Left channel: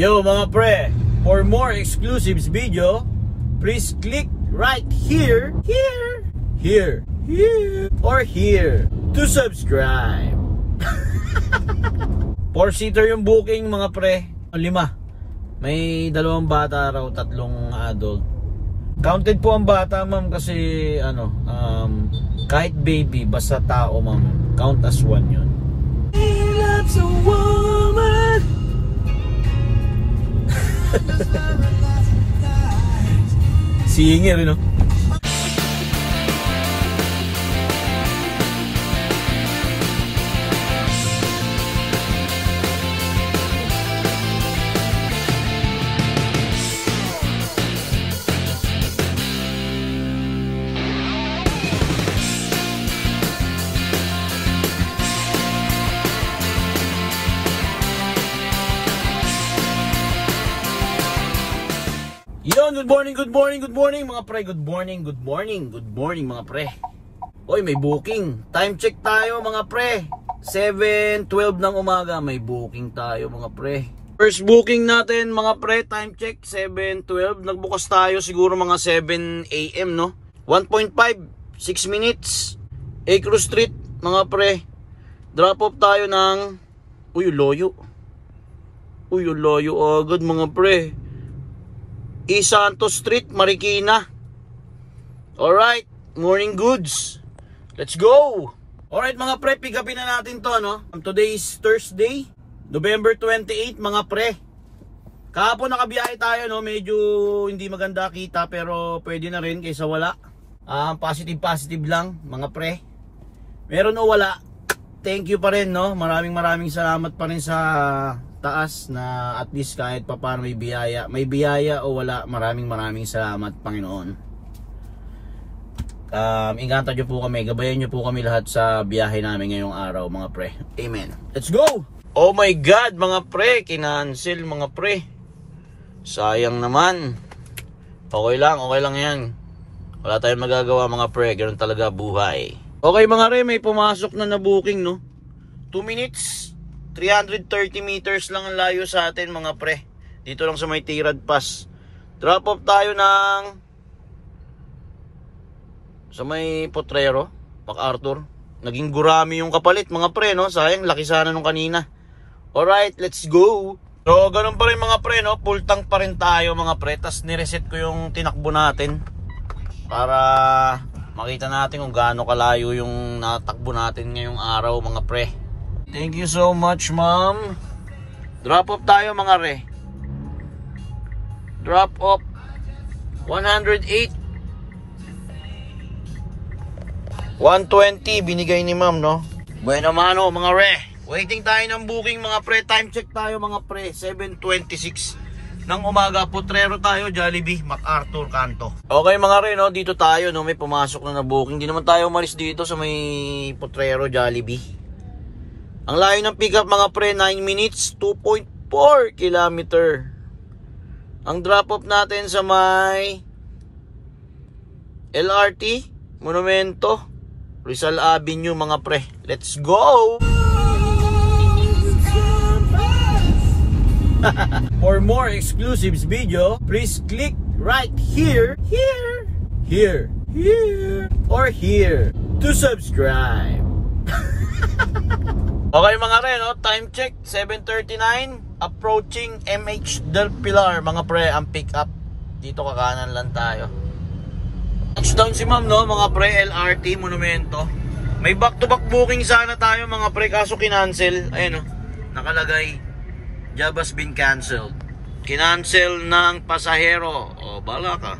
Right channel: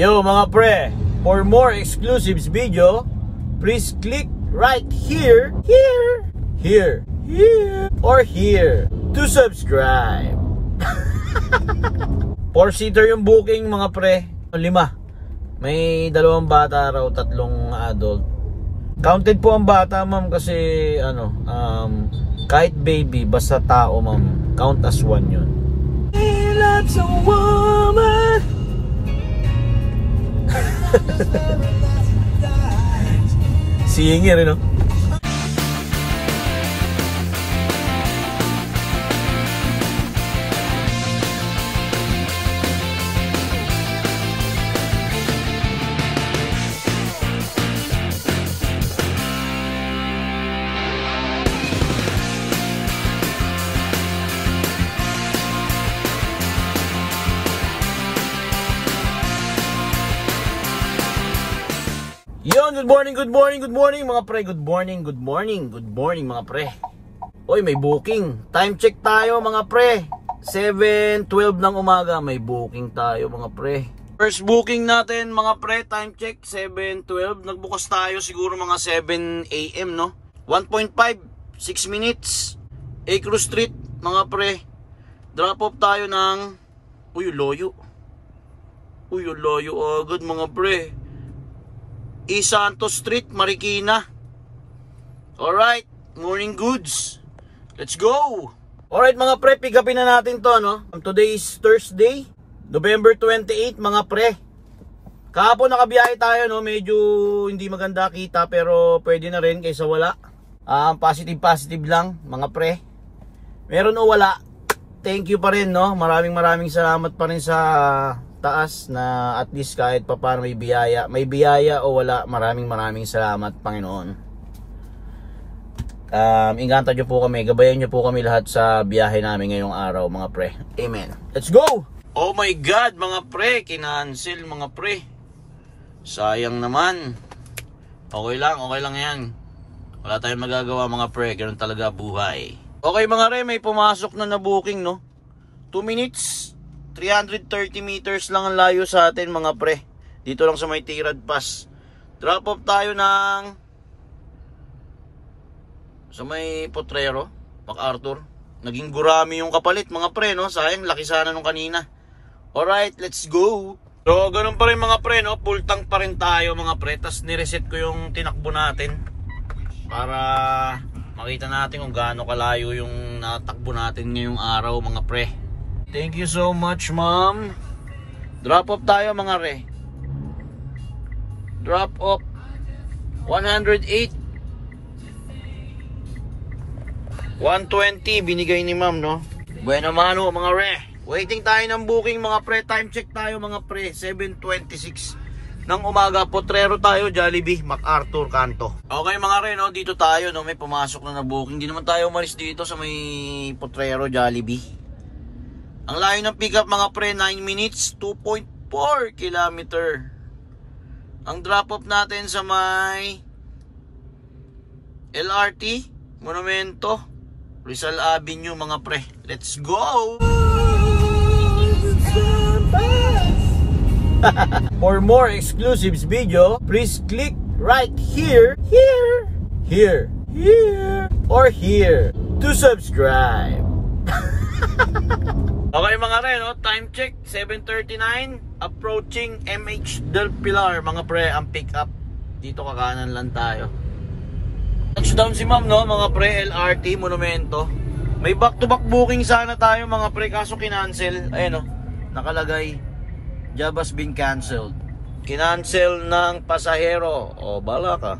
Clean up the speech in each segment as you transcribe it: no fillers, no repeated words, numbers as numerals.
Yo mga pre, for more exclusives video, please click right here, or here to subscribe. 4-seater yung booking mga pre, 5. May 2 bata raw, 3 adult. Counted po ang bata ma'am kasi kahit baby basta tao ma'am, count as 1 yun. That's a woman. Singer, no? Yon, good morning mga pre. Good morning mga pre. Oy, may booking. Time check tayo mga pre. 7:12 ng umaga may booking tayo mga pre. First booking natin mga pre, time check 7:12. Nagbukas tayo siguro mga 7 AM no. 1.5, 6 minutes. Acro Street mga pre. Drop off tayo ng loyo agad mga pre. Santos Street, Marikina. Alright, morning goods. Let's go. Alright mga pre, pick upin na natin to no. Today is Thursday, November 28 mga pre. Kahapon nakabiyahe tayo no, medyo hindi maganda kita pero pwede na rin kaysa wala. Positive lang mga pre. Meron o wala, thank you pa rin no. Maraming salamat pa rin sa taas na at least kahit pa paano may biyaya o wala, maraming salamat Panginoon. Ingatan nyo po kami, gabayan nyo po kami lahat sa biyahe namin ngayong araw mga pre. Amen. Let's go. Oh my God mga pre, kinancel mga pre, sayang naman. Okay lang yan, wala tayong magagawa mga pre, ganun talaga buhay. Okay mga re, may pumasok na booking no. 2 minutes 330 meters lang ang layo sa atin mga pre. Dito lang sa may Tirad Pass. Drop off tayo sa may Potrero, MacArthur. Naging gurami yung kapalit mga pre no. Sayang, laki sana nung kanina. Alright, let's go. So ganun pa rin mga pre no. Full tank pa rin tayo mga pre. Tas nireset ko yung tinakbo natin para makita natin kung gaano kalayo yung natakbo natin ngayong araw mga pre. Thank you so much, ma'am. Drop off tayo mga re. Drop off 108 120 binigay ni ma'am no. Bueno mano mga re. Waiting tayo ng booking mga pre. Time check tayo mga pre. 7:26 ng umaga. Potrero tayo, Jollibee, MacArthur kanto. Okay mga re no, dito tayo no, may pumasok na booking. Hindi naman tayo umalis dito sa may Potrero, Jollibee. Ang layo ng pick up mga pre, 9 minutes, 2.4 kilometer. Ang drop off natin sa may LRT, Monumento, Rizal Avenue mga pre. Let's go! For more exclusives video, please click right here, or here to subscribe. Okay mga re no, time check 7:39, approaching MH Del Pilar mga pre ang pick up. Dito kakanan lang tayo. Touchdown si ma'am no mga pre, LRT Monumento. May back to back booking sana tayo mga pre kaso kinancel. Ayan no, nakalagay job has been canceled. Kinancel ng pasahero. O bala ka.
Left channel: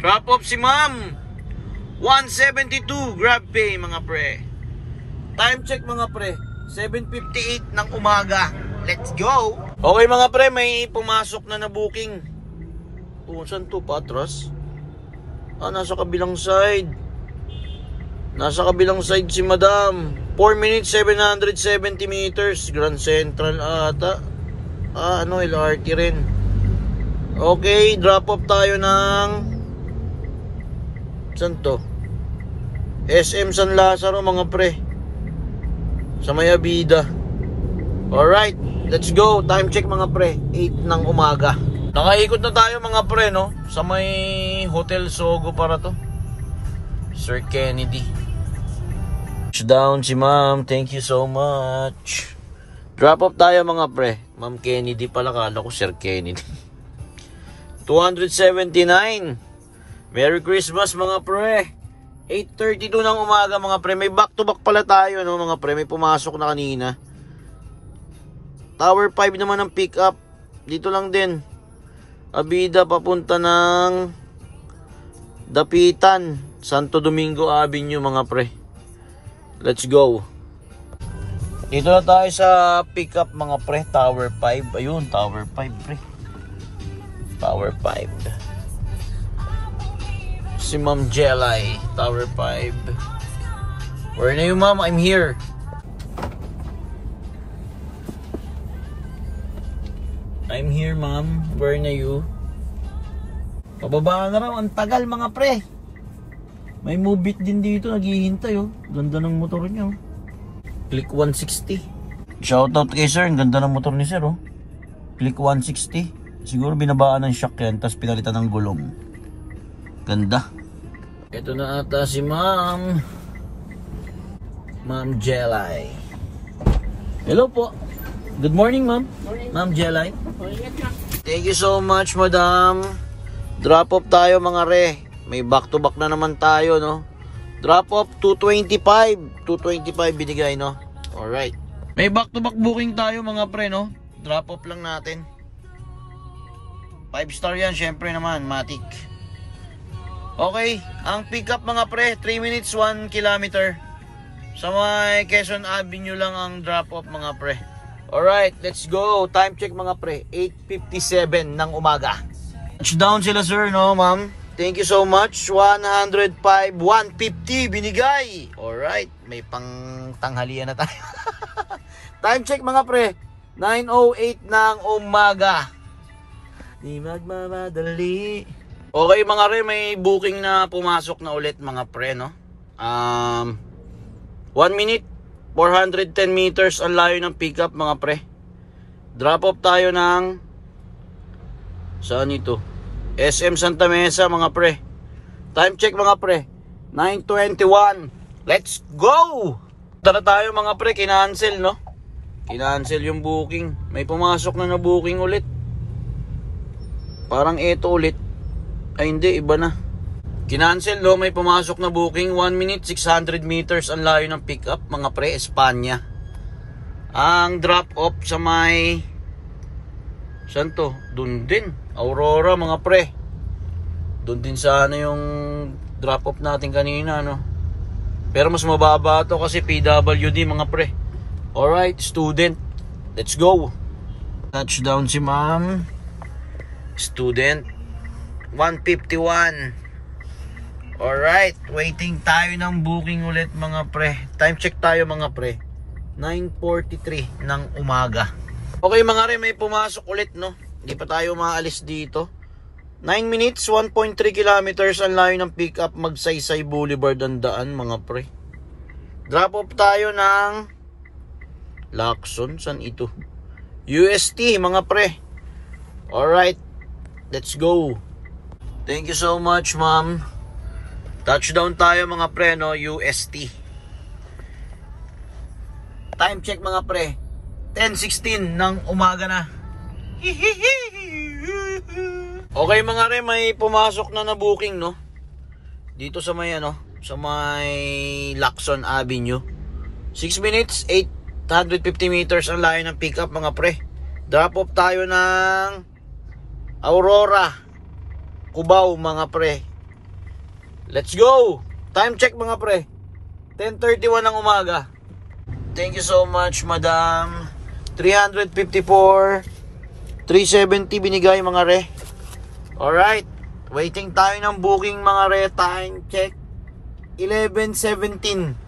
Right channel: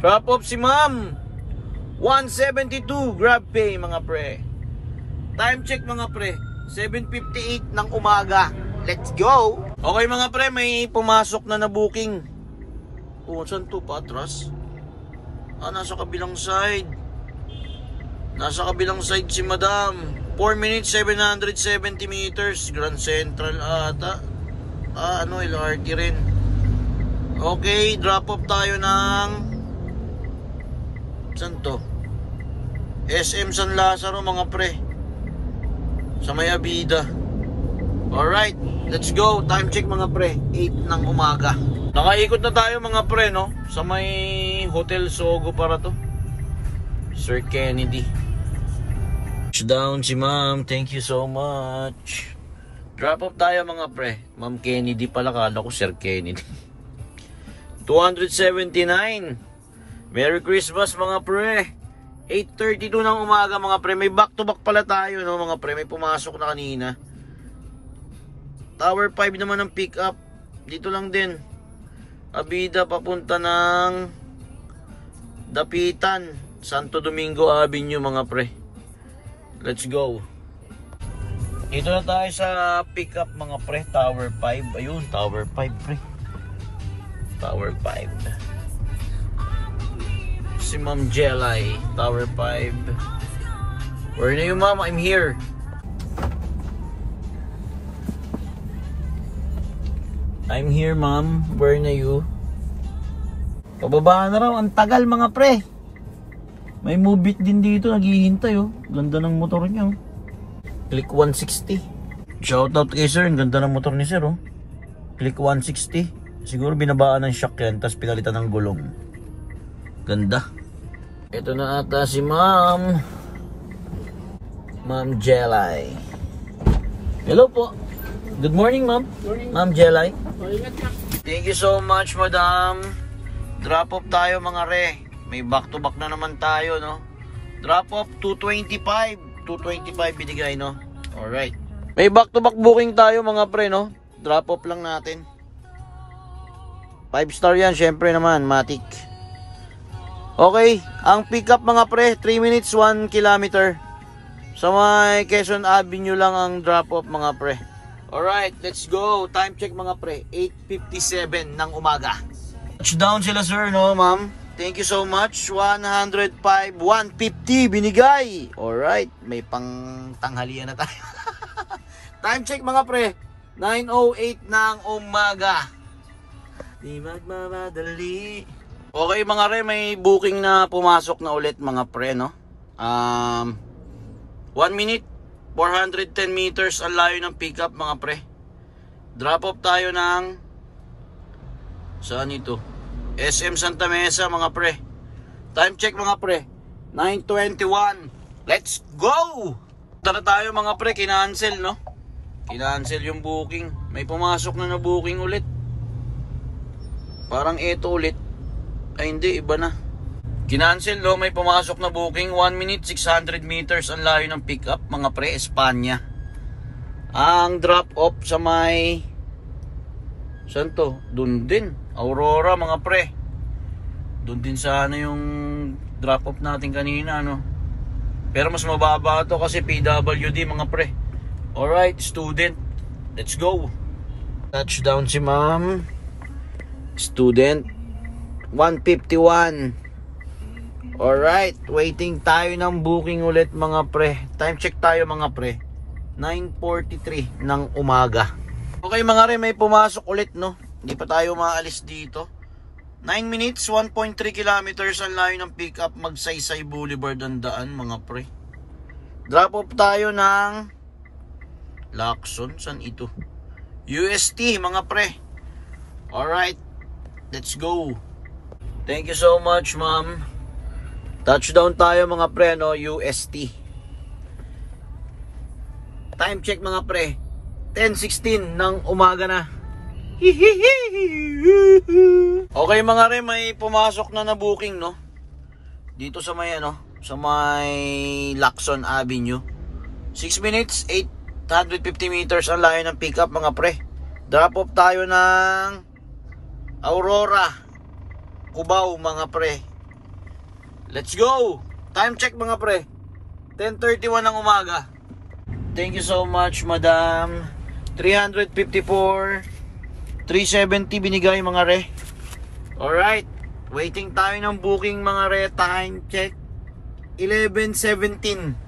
Drop off si ma'am 172 grab pay mga pre. Time check mga pre, 7:58 ng umaga. Let's go. Okay mga pre, may pumasok na booking. Saan to? Patras? Nasa kabilang side. Nasa kabilang side si madam. 4 minutes 770 meters. Grand Central ata. LRT rin. Okay, drop off tayo ng saan to? SM San Lazaro mga pre, sa may Abida. Alright, let's go. Time check mga pre, 8 ng umaga. Nakaikot na tayo mga pre, no? Sa may Hotel Sogo para to, Sir Kennedy. Down si ma'am, thank you so much. Drop off tayo mga pre. Ma'am Kennedy pala, kala ko Sir Kennedy. 279. Merry Christmas mga pre. 8:32 ng umaga mga pre. May back to back pala tayo, no mga pre. May pumasok na kanina. Tower 5 naman ang pick up. Dito lang din. Abida papunta ng Dapitan, Santo Domingo Avenue mga pre. Let's go. Dito na tayo sa pick up mga pre. Tower 5. Ayun, Tower 5 pre. Tower 5. Si Ma'am Jelay, Tower 5. Where na you ma'am? I'm here. I'm here ma'am. Where na you? Pababa na raw. Ang tagal mga pre. May Move It din dito. Naghihintay oh. Ganda ng motor niya. Click 160. Shoutout kay sir. Ang ganda ng motor ni sir oh. Click 160. Siguro binabaan ng shock yan. Tapos pinalitan ng gulong. Ganda. Ito na ata si ma'am. Ma'am Jelay. Hello po. Good morning ma'am. Ma'am Jelay. Thank you so much madam. Drop off tayo mga re. May back to back na naman tayo no. Drop off 225. 225 binigay no. Alright. May back to back booking tayo mga pre no. Drop off lang natin. 5 star yan syempre naman. Matic. Okay. Ang pick up mga pre 3 minutes 1 kilometer. Sa may Quezon Avenue lang ang drop off mga pre. Alright, let's go. Time check mga pre, 8:57 ng umaga. Touchdown sila sir, no ma'am? Thank you so much. 105, 150 binigay. Alright, may pang tanghalian na tayo. Time check mga pre, 9:08 ng umaga. Di magmamadali. Okay mga re, may booking na pumasok na ulit mga pre, no? 1 minute. 410 meters ang layo ng pickup mga pre. Drop off tayo ng saan ito? SM Santa Mesa mga pre. Time check mga pre 9:21. Let's go. Tara tayo mga pre. Kinancel no. Kinancel yung booking. May pumasok na booking ulit. Parang ito ulit. Ay hindi, iba na. Kinancel no, may pumasok na booking. 1 minute 600 meters ang layo ng pickup mga pre, Espanya. Ang drop off sa may saan to? Doon din, Aurora mga pre. Doon din sana yung drop off natin kanina no. Pero mas mababa to kasi PWD mga pre. Alright, student. Let's go. Touchdown si ma'am. Student 151. Alright, waiting tayo ng booking ulit mga pre. Time check tayo mga pre, 9:43 ng umaga. Okay mga re, may pumasok ulit no. Hindi pa tayo maalis dito. 9 minutes, 1.3 kilometers ang layo ng pick up. Magsaysay Boulevard ang daan mga pre. Drop off tayo ng Lacson, saan ito? UST mga pre. Alright, let's go. Thank you so much ma'am. Touchdown tayo mga pre no, UST. Time check mga pre, 10:16 ng umaga na. Okay mga re, may pumasok na booking no. Dito sa may ano, sa may Lacson Avenue. 6 minutes 850 meters ang layo ng pickup mga pre. Drop off tayo ng Aurora, Cubao mga pre. Let's go! Time check mga pre, 10:31 ng umaga. Thank you so much madam. 354 370 binigay mga re. Alright, waiting tayo ng booking mga re. Time check 11:17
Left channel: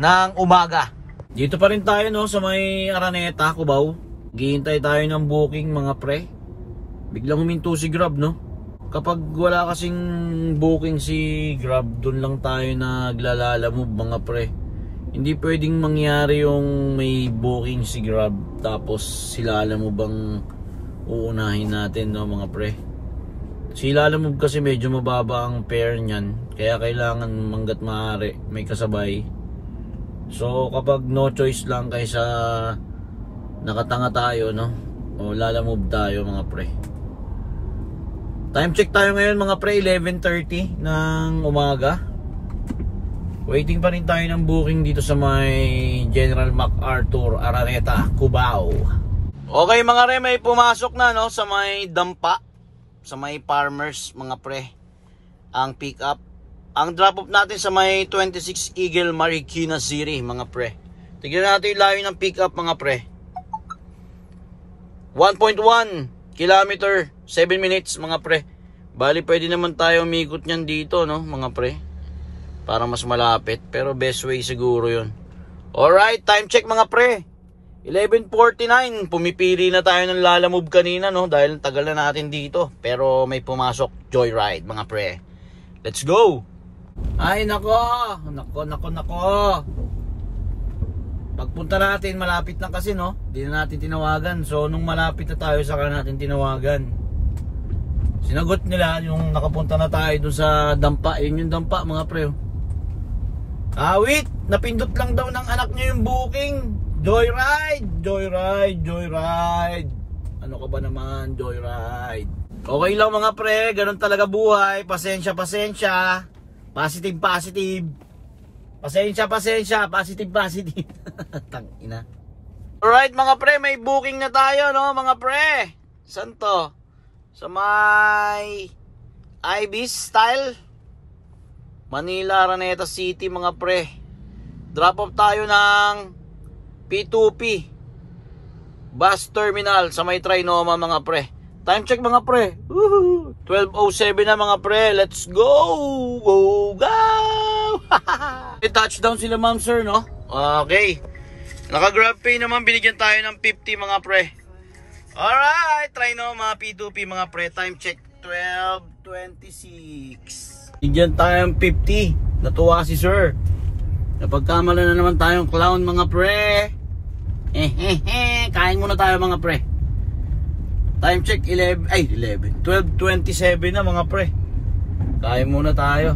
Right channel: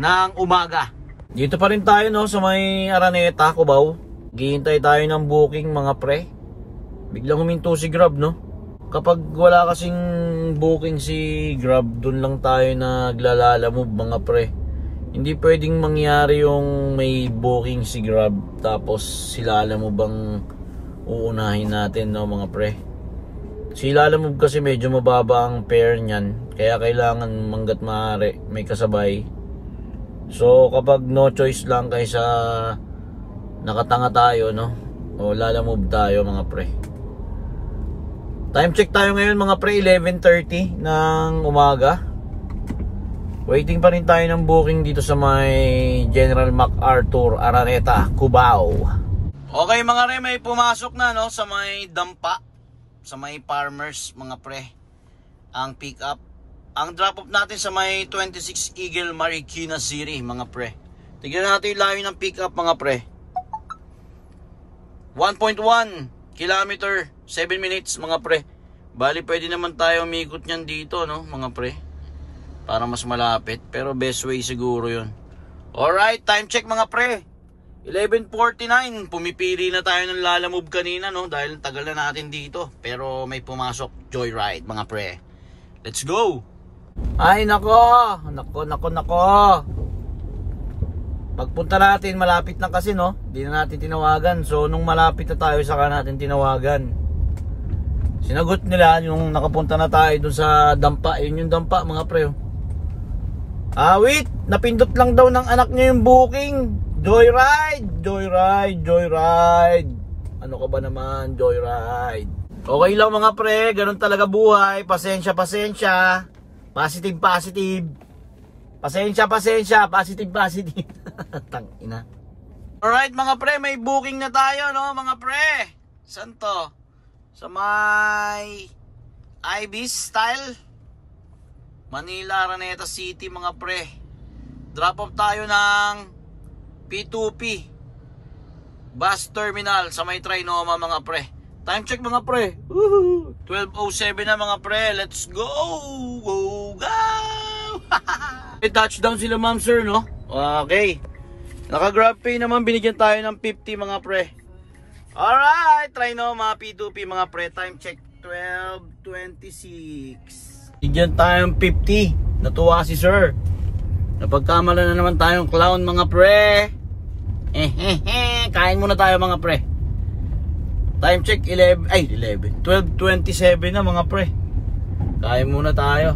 ng umaga. Dito pa rin tayo no, sa may Araneta, Cubao. Hihintay tayo ng booking mga pre. Biglang huminto si Grab no. Kapag wala kasing booking si Grab, dun lang tayo naglalala move mga pre. Hindi pwedeng mangyari yung may booking si Grab tapos sila alam mo bang uunahin natin, no mga pre. Sila alam mo kasi medyo mababa ang fare niyan, kaya kailangan manggat maaari may kasabay. So kapag no choice lang kaysa nakatanga tayo, no, o lalamove tayo mga pre. Time check tayo ngayon mga pre, 11:30 ng umaga. Waiting pa rin tayo ng booking dito sa may General MacArthur, Araneta, Cubao. Okay mga re, may pumasok na, no, sa may dampa, sa may farmers mga pre, ang pick up. Ang drop off natin sa may 26 Eagle, Marikina City mga pre. Tignan natin yung layo ng pick up mga pre. 1.1 kilometer, 7 minutes mga pre. Bali pwede naman tayo umikot nyan dito, no mga pre, para mas malapit, pero best way siguro yun. Alright, time check mga pre, 11:49. Pumipili na tayo ng lalamove kanina, no, dahil tagal na natin dito. Pero may pumasok, Joyride mga pre. Let's go. Ay nako. Pagpunta natin, malapit na kasi, no, di na natin tinawagan. So nung malapit na tayo, saka natin tinawagan. Sinagot nila yung nakapunta na tayo dun sa dampa. Yun yung dampa mga pre. Wait, napindot lang daw ng anak niya yung booking. Joyride. Ano ka ba naman, Joyride? Okay lang mga pre, ganun talaga buhay. Pasensya. Positive. Pasensya, positive. Tangina. Alright mga pre, may booking na tayo, no mga pre. Saan to? Sa may Ibis Style, Manila, Araneta City mga pre. Drop off tayo ng P2P bus terminal sa may Trinoma mga pre. Time check mga pre, 12:07 na mga pre. Let's go. Touchdown sila ma'am sir, no? Okay, naka Grab Pay naman, binigyan tayo ng 50 mga pre. Alright, Trinoma P2P mga pre. Time check 12:26. Bigyan tayong 50. Natuwa si sir. Napagkamala na naman tayong clown mga pre. Kain muna tayo mga pre. Time check 12:27 na mga pre. Kain muna tayo.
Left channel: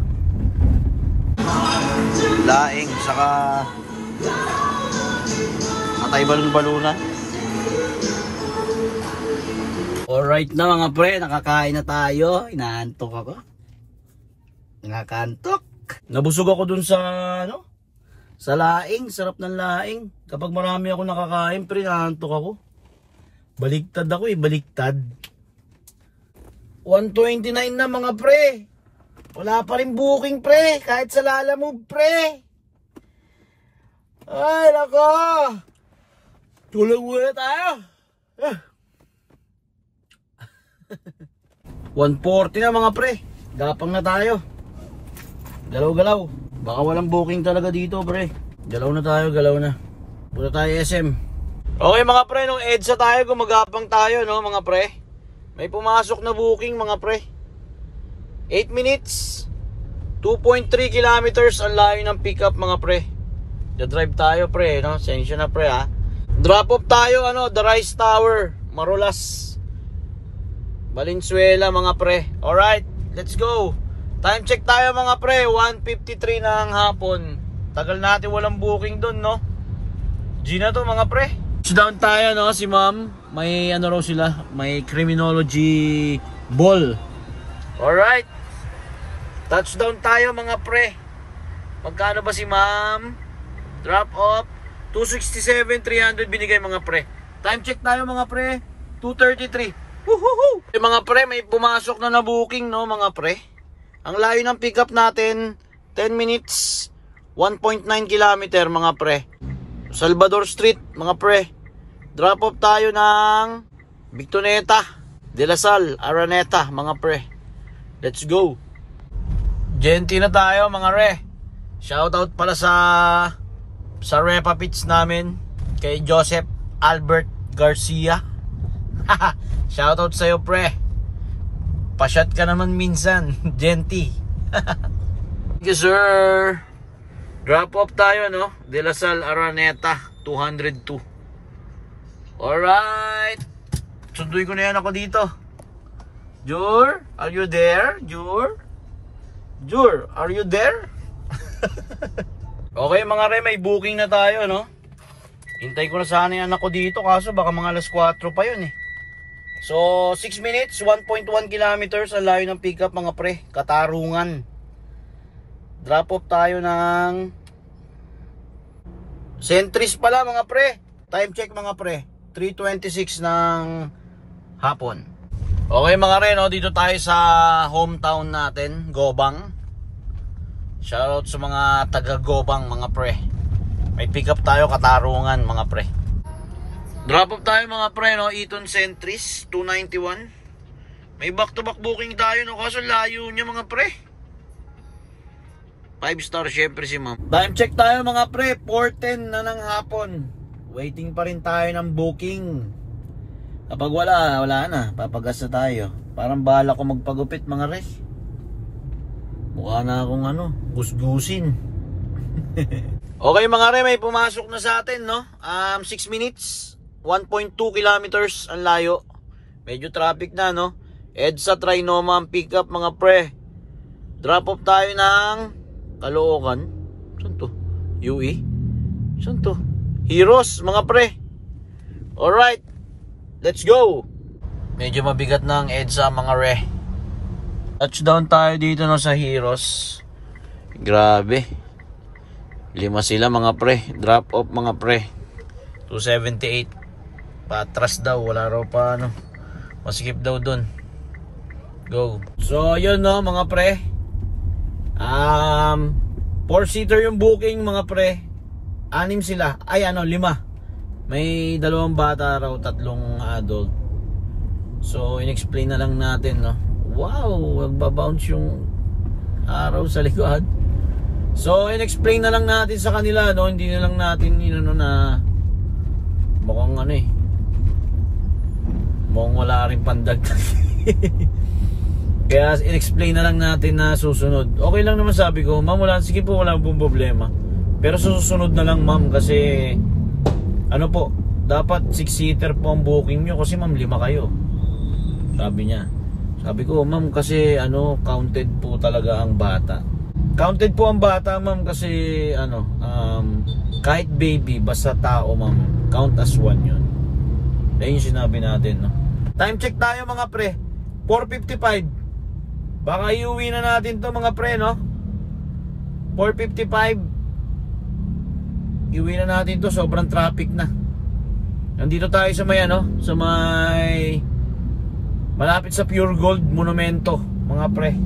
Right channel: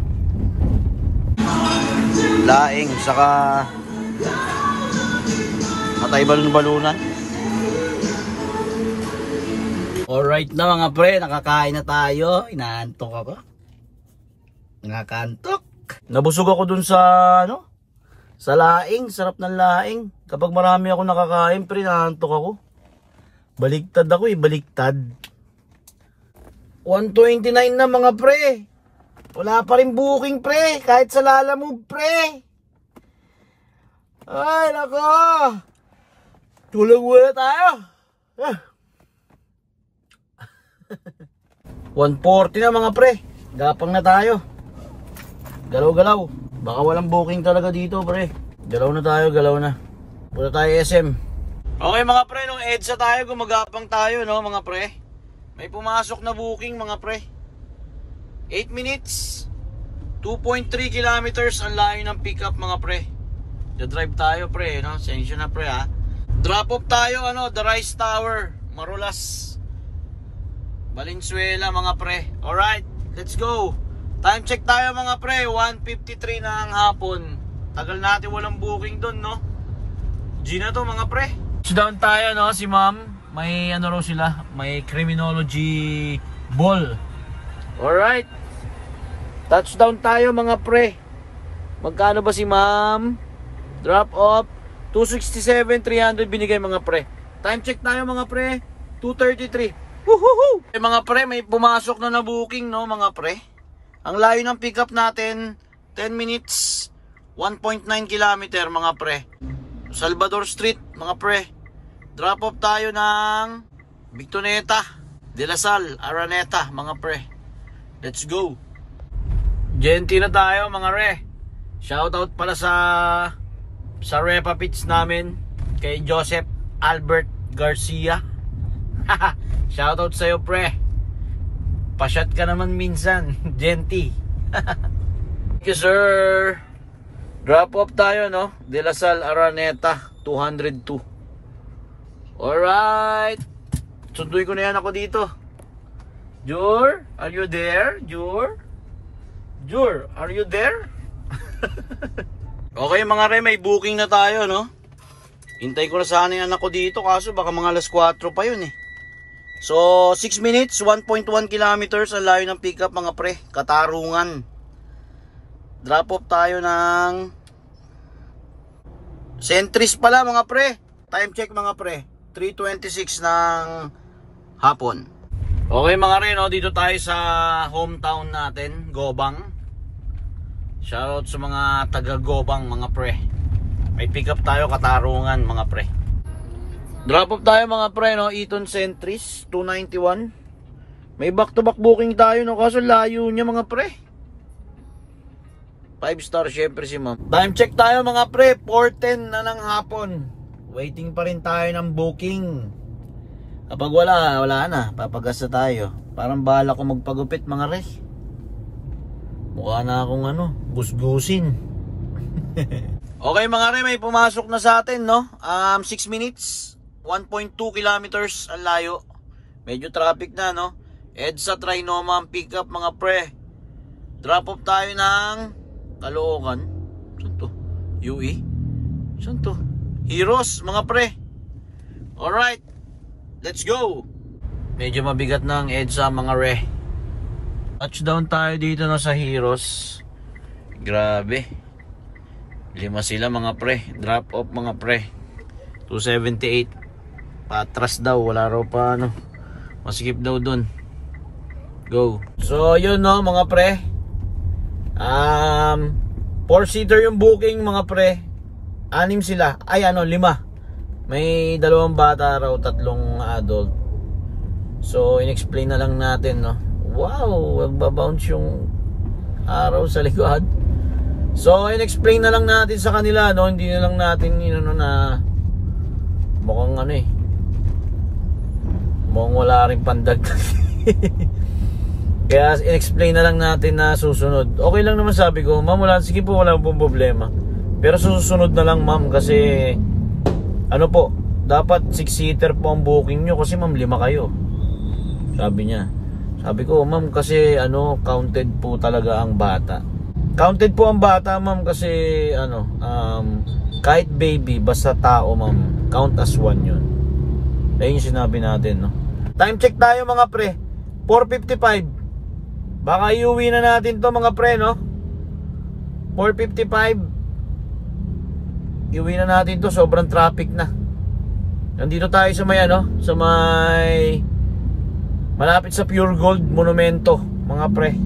Laing saka atay balon-balunan. Alright na mga pre, nakakain na tayo. Inaantok ako. Nakakantok. Nabusog ako dun sa ano, sa laing. Sarap ng laing. Kapag marami ako nakakain, pre, naantok ako. Baliktad ako baliktad. 129 na mga pre. Wala pa rin booking pre, kahit sa lalamove pre. Ay nako, tulog muna tayo. 140 na mga pre. Gapang na tayo. Galaw-galaw. Baka walang booking talaga dito pre. Galaw na tayo, galaw na. Punta tayo SM. Okay mga pre, nung EDSA tayo, gumagapang tayo, no mga pre. May pumasok na booking mga pre. 8 minutes, 2.3 kilometers ang layo ng pickup mga pre. Da-drive tayo pre, no? Sensya na pre ha. Drop off tayo, ano, The Rice Tower, Marulas, Valenzuela mga pre. Alright, let's go. Time check tayo mga pre, 1:53 na ang hapon. Tagal natin walang booking dun, no? G na to mga pre. Down tayo, no, si ma'am. May ano raw sila, may criminology ball. Alright, touchdown tayo mga pre. Magkano ba si ma'am? Drop off 267, 300 binigay mga pre. Time check tayo mga pre, 2:33. Woohoo! Mga pre, may pumasok na booking, no mga pre. Ang layo ng pickup natin, 10 minutes, 1.9 kilometer mga pre. Salvador Street mga pre. Drop off tayo ng Victoneta, De La Salle, Araneta mga pre. Let's go. Genti na tayo mga re. Shoutout pala sa Repa Pits namin, kay Joseph Albert Garcia. Shoutout sa'yo pre. Pasyat ka naman minsan. Genti. Thank you sir. Drop off tayo, no? De La Salle, Araneta, 202. Alright. Sunduin ko na yan ako dito. Jur, are you there? Jur? Jur, are you there? Okay mga re, may booking na tayo, no? Hintay ko na sana yung anak ko dito, kaso baka mga alas 4 pa yun eh. So, 6 minutes, 1.1 kilometers ang layo ng pickup mga pre. Katarungan. Drop off tayo ng Centris pala mga pre. Time check mga pre, 3:26 ng hapon. Okay mga re, no? Dito tayo sa hometown natin, Gobang. Shoutout sa mga taga Gobang mga pre. May pick up tayo, Katarungan mga pre. Drop off tayo mga pre, no? Eton Centris 291. May back to back booking tayo, no? Kaso layo niya mga pre. 5 star syempre si ma'am. Time check tayo mga pre, 4:10 na ng hapon. Waiting pa rin tayo ng booking. Kapag wala na, papagas na tayo. Parang bahala ko magpagupit mga re. Mukha na akong gusgusin. Okay mga re, may pumasok na sa atin, no? 6 minutes, 1.2 kilometers ang layo. Medyo traffic na, no? EDSA Trinoma ang pick up mga pre. Drop off tayo ng Caloocan. Saan to? UE? Saan to? Heroes mga pre. Alright, let's go. Medyo mabigat na ang EDSA mga re. Touchdown tayo dito na sa Heroes. Grabe, 5 sila mga pre. Drop off mga pre, 278. Patras daw, wala raw pa maskip daw dun. Go. So yun no mga pre, 4-seater yung booking mga pre. 6 sila, ay 5. May 2 bata raw, 3 adult. So in-explain na lang natin, no? Wow, magbabounce yung araw sa likod. So in-explain na lang natin sa kanila, no? Hindi na lang natin na mukhang mukhang wala rin pandagdag. Kaya in-explain na lang natin na susunod. Okay lang naman sabi ko, ma'am, sige po, wala pong problema. Pero susunod na lang ma'am, kasi po, dapat 6-seater po ang booking nyo kasi ma'am 5 kayo. Sabi niya. Sabi ko, ma'am, kasi counted po talaga ang bata. Counted po ang bata ma'am kasi kahit baby, basta tao ma'am, count as 1 yun. Ayun yung sinabi natin, no? Time check tayo mga pre, 4:55. Baka iuwi na natin to mga pre, no? 4:55. Iuwi na natin to, sobrang traffic na. Nandito tayo sa may sa may malapit sa Pure Gold Monumento mga pre.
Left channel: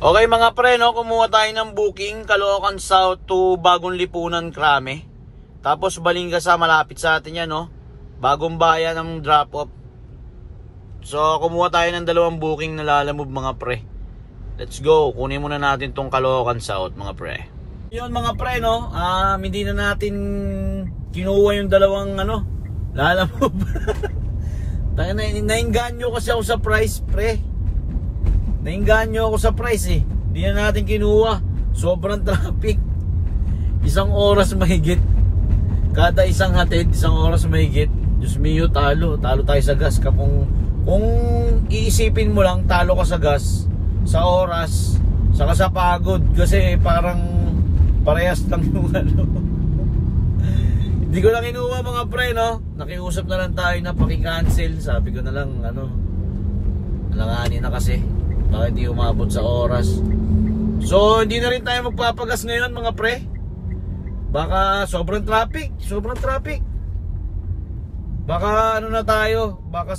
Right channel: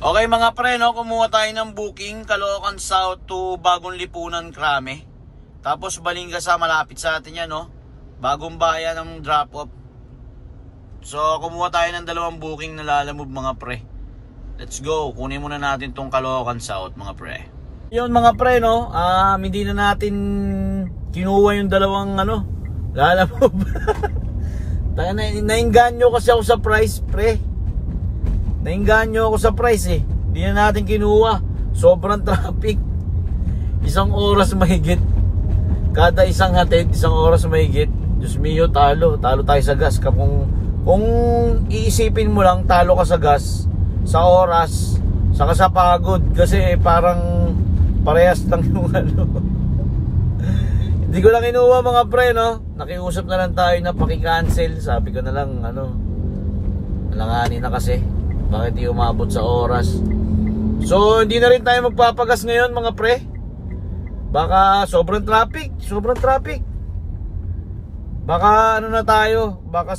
Okay mga pre, no? Kumuha tayo ng booking, Caloocan South to Bagong Lipunan, Krame. Tapos Balingasa, malapit sa atin yan, no? Bagong Bayan ng drop off. So kumuha tayo ng 2 booking na lalamove mga pre. Let's go, kunin muna natin tong Caloocan South mga pre. Yun mga pre, no? Hindi na natin kinuha yung 2 lalamove. Nainganyo kasi ako sa price pre. Nainganyo ako sa price eh. Hindi na natin kinuha. Sobrang traffic. 1 oras mahigit. Kada isang hatid, 1 oras mahigit. Diyos mio, talo tayo sa gas. Kung iisipin mo lang, talo ka sa gas, sa oras, saka sa pagod. Kasi parang parehas lang yung Hindi ko lang inuwa mga pre, no? Nakiusap na lang tayo na paki-cancel. Sabi ko na lang, alanganin na kasi. Bakit di umabot sa oras? So, hindi na rin tayo magpapagas ngayon mga pre. Baka sobrang traffic. Baka na tayo. Baka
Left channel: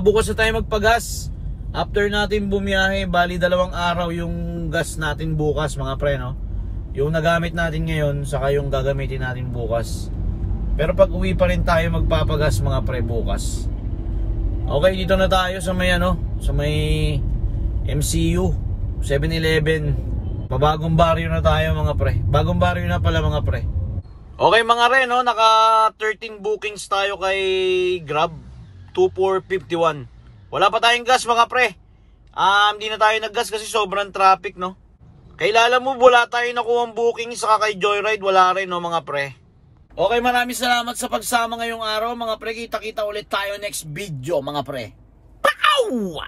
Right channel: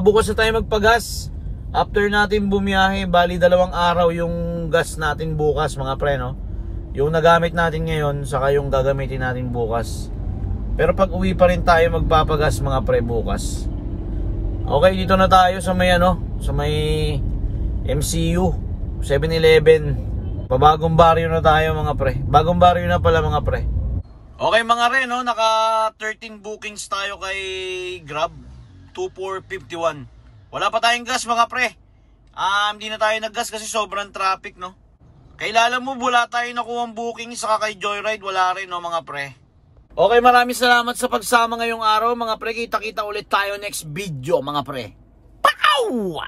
bukas na tayo magpagas. After natin bumiyahe, bali 2 araw yung gas natin bukas mga pre, no? Yung nagamit natin ngayon, saka yung gagamitin natin bukas. Pero pag uwi pa rin tayo magpapagas mga pre bukas. Okay, dito na tayo sa may sa may MCU 7-Eleven. Pabagong baryo na tayo mga pre. Bagong baryo na pala mga pre. Okay mga re, no? Naka 13 bookings tayo kay Grab 2451. Wala pa tayong gas mga pre. Hindi na tayo naggas kasi sobrang traffic, no? Kailala mo, wala tayo nakuha booking sa kay Joyride. Wala rin, no, mga pre. Okay, maraming salamat sa pagsama ngayong araw, mga pre. Kita-kita ulit tayo next video, mga pre. Pow!